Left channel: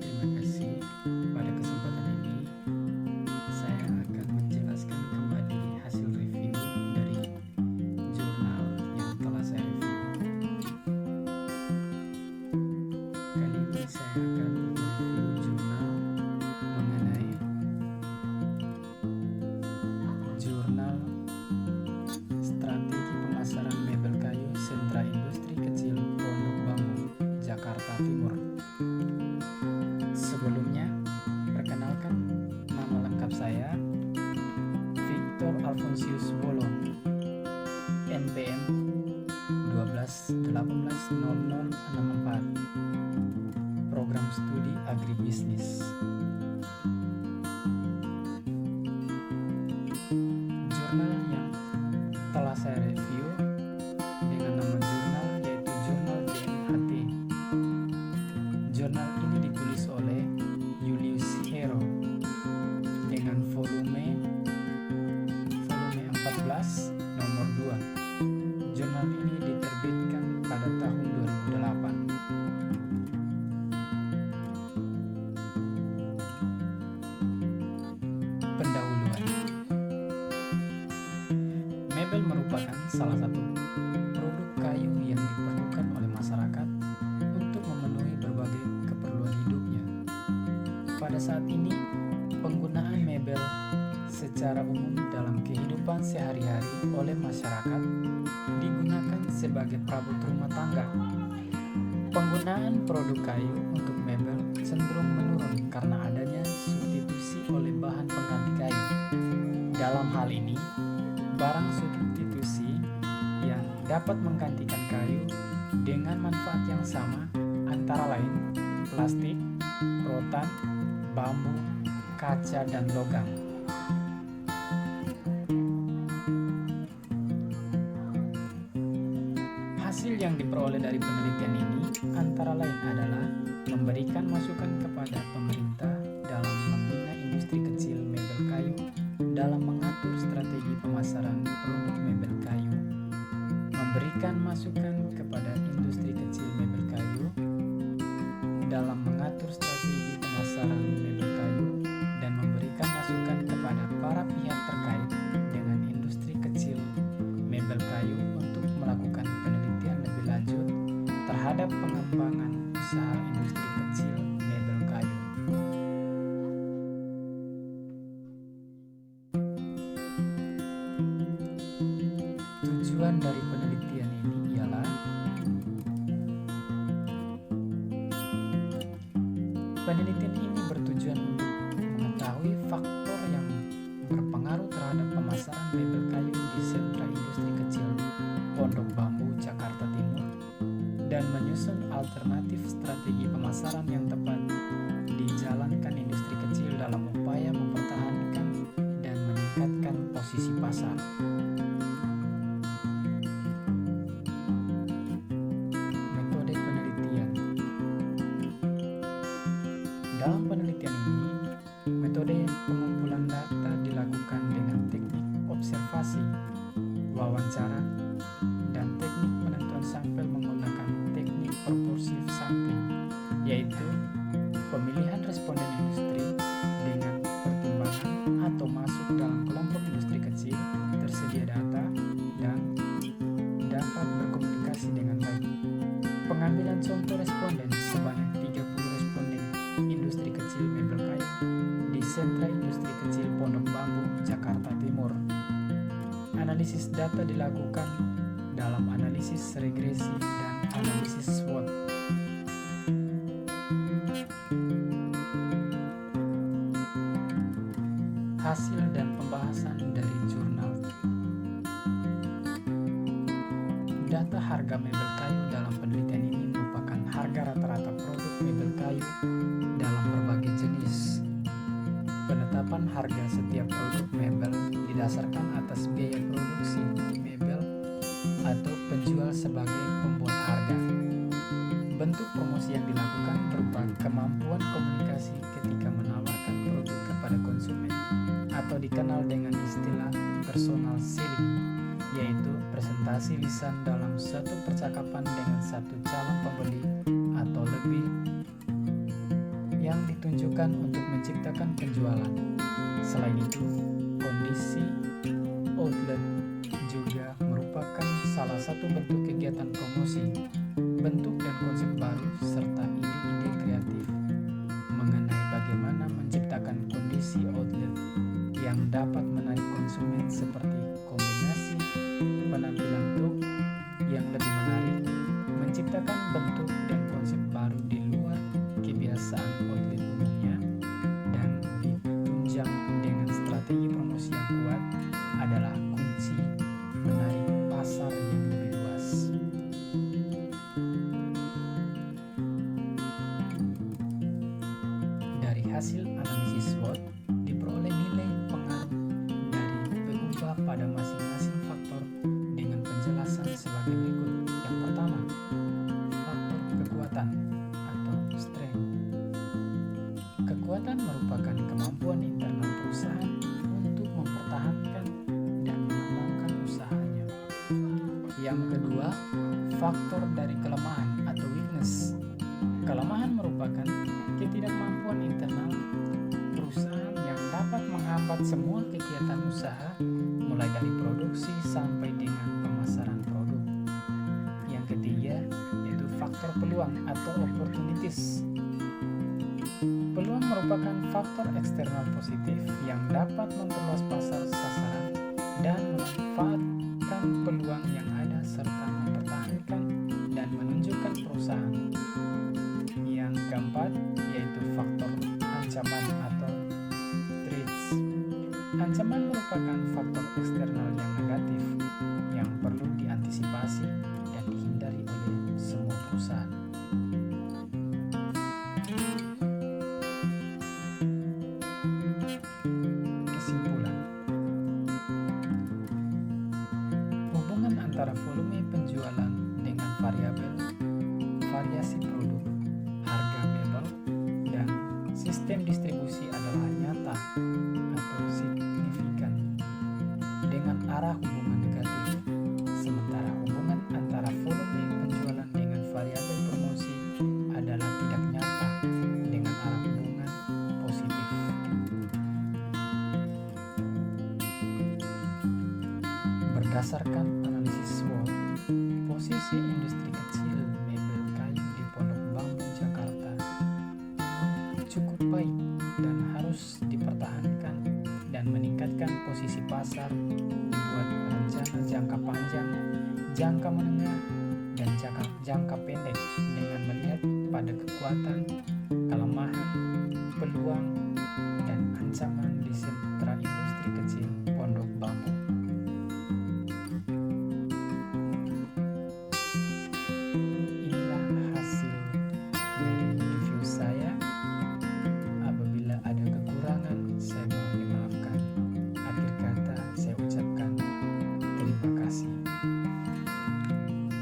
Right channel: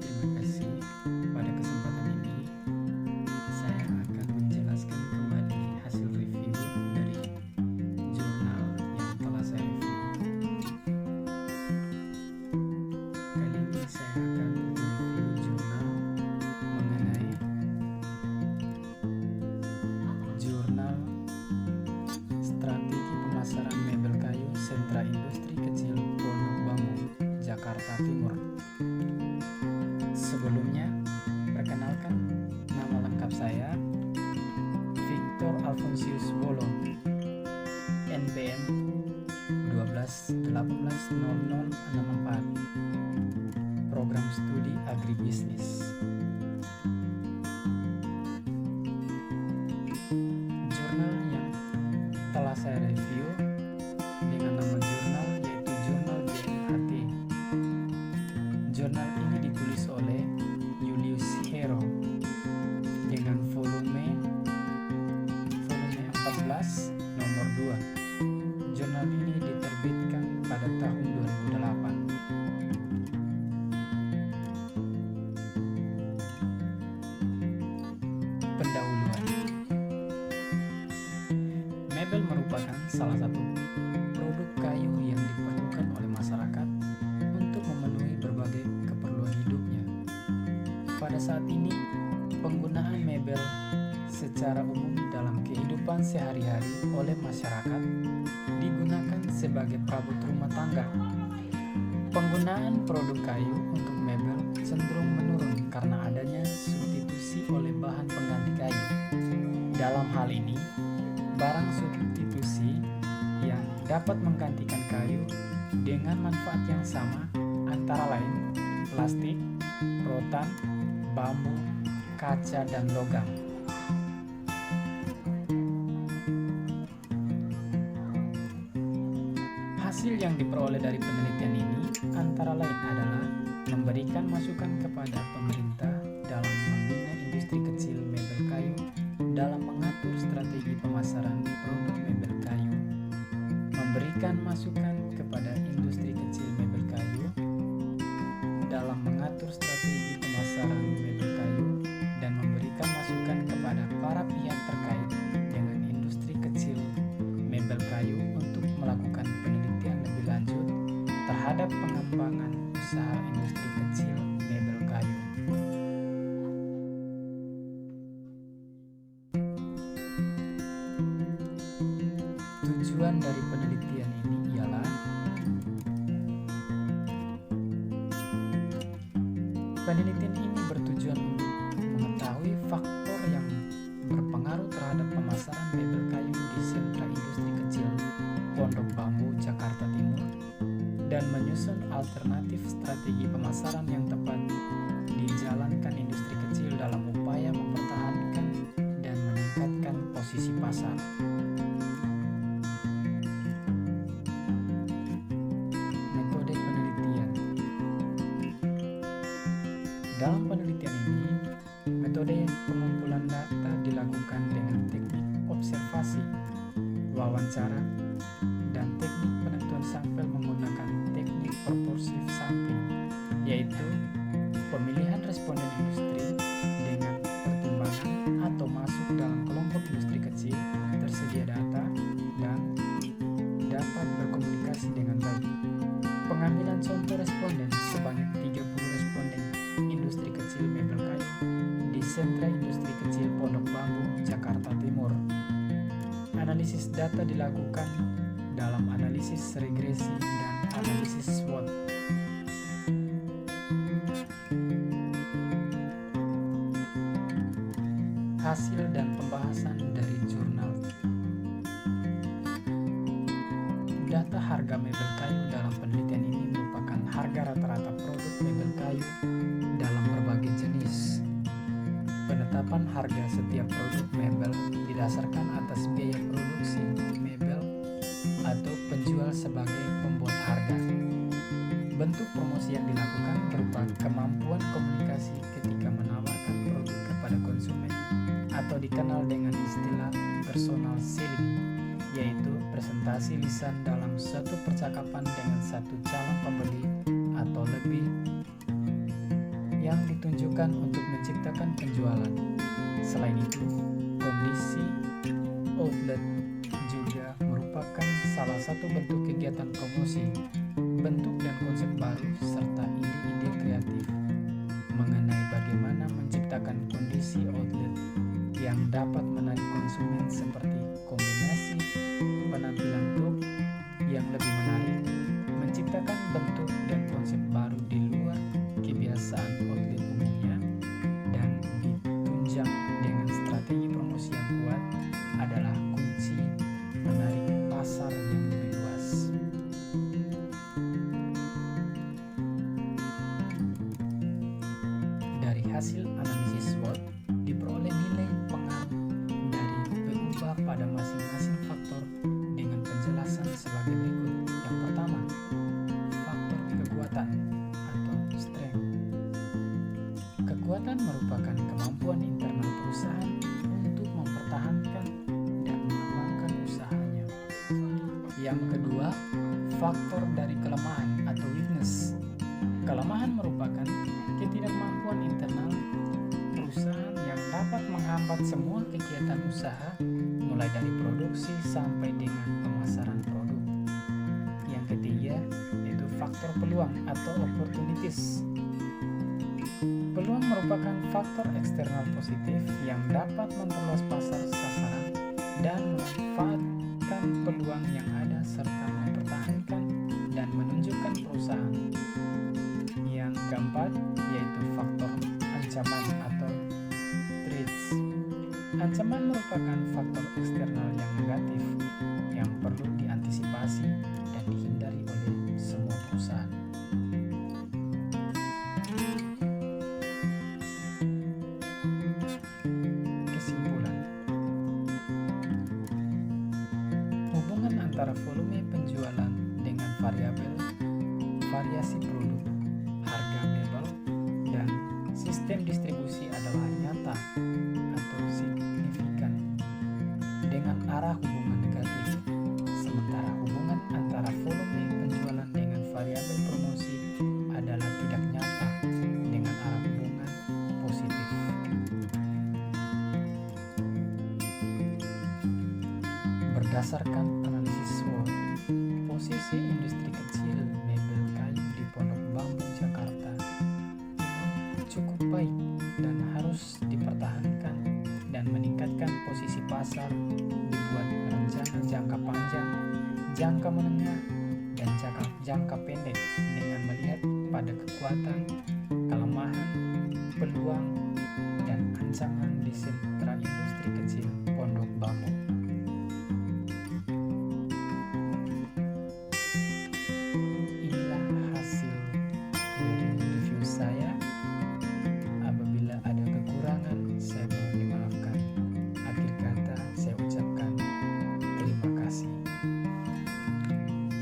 terima kasih. Pada kesempatan ini, saya akan menjelaskan kembali hasil review dari jurnal yang telah saya review. Kali ini saya akan mereview jurnal mengenai jurnal Strategi Pemasaran Mebel Kayu Sentra Industri Kecil Pondok Bambu, Jakarta Timur. Sebelumnya, perkenalkan nama lengkap saya, Victor Alfonsius Wolo, NPM 12180064, Program Studi Agribisnis. Jurnal yang telah saya review dengan nama jurnal yaitu Jurnal JMHT. Jurnal ini ditulis oleh Julius Hero dengan volume 14 nomor 2. Jurnal ini diterbitkan pada tahun 2008. Pendahuluan. Mebel merupakan salah satu produk kayu yang diperlukan oleh masyarakat untuk memenuhi berbagai keperluan hidupnya. Pada saat ini, penggunaan mebel secara umum dalam kehidupan sehari-hari oleh masyarakat digunakan sebagai perabot rumah tangga. Penggunaan produk kayu untuk mebel cenderung menurun karena adanya substitusi oleh bahan pengganti kayu. Dalam hal ini, barang substitusi yang dapat menggantikan kayu dengan manfaat yang sama antara lain plastik, rotan, bambu, kaca, dan logam. Hasil yang diperoleh dari penelitian ini antara lain adalah memberikan masukan kepada pemerintah dalam membina industri kecil mebel kayu, dalam mengatur strategi pemasaran produk mebel kayu, memberikan masukan kepada industri kecil mebel kayu dalam mengatur strategi pemasaran mebel kayu, dan memberikan masukan kepada para pihak terkait dengan industri kecil mebel kayu untuk melakukan penelitian lebih lanjut terhadap pengembangan usaha industri kecil mebel kayu. Tujuan dari penelitian ini ialah penelitian ini bertujuan untuk mengetahui faktor yang berpengaruh terhadap pemasaran mebel kayu di sentra industri kecil Pondok Bambu, Jakarta Timur, dan menyusun alternatif strategi pemasaran yang tepat dijalankan industri kecil dalam upaya mempertahankan dan meningkatkan posisi pasar. Metode penelitian. Dalam penelitian ini, metode pengumpulan data dilakukan dengan teknik observasi, wawancara, dan teknik penentuan sampel menggunakan teknik proporsive sampling, yaitu pemilihan responden industri dengan pertimbangan atau masuk dalam kelompok industri kecil, tersedia data, dan dapat berkomunikasi dengan baik. Pengambilan contoh responden sebanyak 30 responden industri kecil mebel kayu di sentra industri kecil Pondok Bambu, Jakarta Timur. Analisis data dilakukan dalam analisis regresi dan analisis SWOT. Hasil dan pembahasan dari jurnal. Data harga mebel kayu dalam penelitian ini merupakan harga rata-rata produk mebel kayu dalam berbagai jenis. Penetapan harga setiap produk mebel didasarkan atas biaya produksi mebel atau penjual sebagai pembuat harga. Bentuk promosi yang dilakukan berupa kemampuan komunikasi ketika menawarkan produk kepada konsumen atau dikenal dengan istilah personal selling, yaitu presentasi lisan dalam suatu percakapan dengan satu calon pembeli atau lebih yang ditunjukkan untuk menciptakan penjualan. Selain itu, kondisi outlet juga merupakan salah satu bentuk kegiatan promosi, bentuk dan konsep baru, serta ide-ide kreatif mengenai bagaimana menciptakan kondisi outlet yang dapat menarik konsumen, seperti kombinasi penampilan truk yang lebih menarik, menciptakan bentuk dan konsep baru di luar kebiasaan outlet umumnya, dan ditunjang dengan strategi promosi yang kuat adalah kunci menarik pasar yang lebih luas. Dari hasil analisis SWOT, diperoleh nilai pengaruh dari PUBA pada masing-masing faktor dengan penjelasan sebagai berikut. Yang pertama, faktor kekuatan atau strength. Kekuatan merupakan kemampuan internal perusahaan untuk mempertahankan dan mengembangkan usahanya. Yang kedua, faktor dari kelemahan atau weakness. Kelemahan merupakan ketidakmampuan internal perusahaan yang dapat menghambat semua kegiatan usaha, mulai dari produksi sampai dengan pemasaran produk. Yang ketiga, yaitu faktor peluang atau opportunities. Peluang merupakan faktor eksternal positif yang dapat memperluas pasar sasaran dan memanfaatkan peluang yang ada serta mempertahankan dan menunjukkan perusahaan. Yang keempat, yaitu faktor ancaman atau threats. Ancaman merupakan faktor eksternal yang negatif yang perlu diantisipasi dan dihindari oleh semua perusahaan. Kesimpulan. Hubungan antara volume penjualan dengan variabel variasi produk, harga mebel, dan sistem distribusi adalah nyata atau signifikan dengan arah hubungan negatif. Sementara hubungan antara volume penjualan dengan variabel promosi adalah tidak nyata dengan arah hubungan positif. Berdasarkan analisis SWOT, posisi industri kecil mebel kayu di Pondok Bambu, Jakarta Timur cukup baik dan harus dipertahankan, dan meningkatkan posisi pasar dibuat rencana jangka panjang, jangka menengah, dan jangka pendek dengan melihat pada kekuatan, kelemahan, peluang, dan ancaman di sentra industri kecil Pondok Bambu. Inilah hasil dari review saya. Apabila ada kekurangan, saya mohon dimaafkan. Akhir kata, saya ucapkan terima kasih.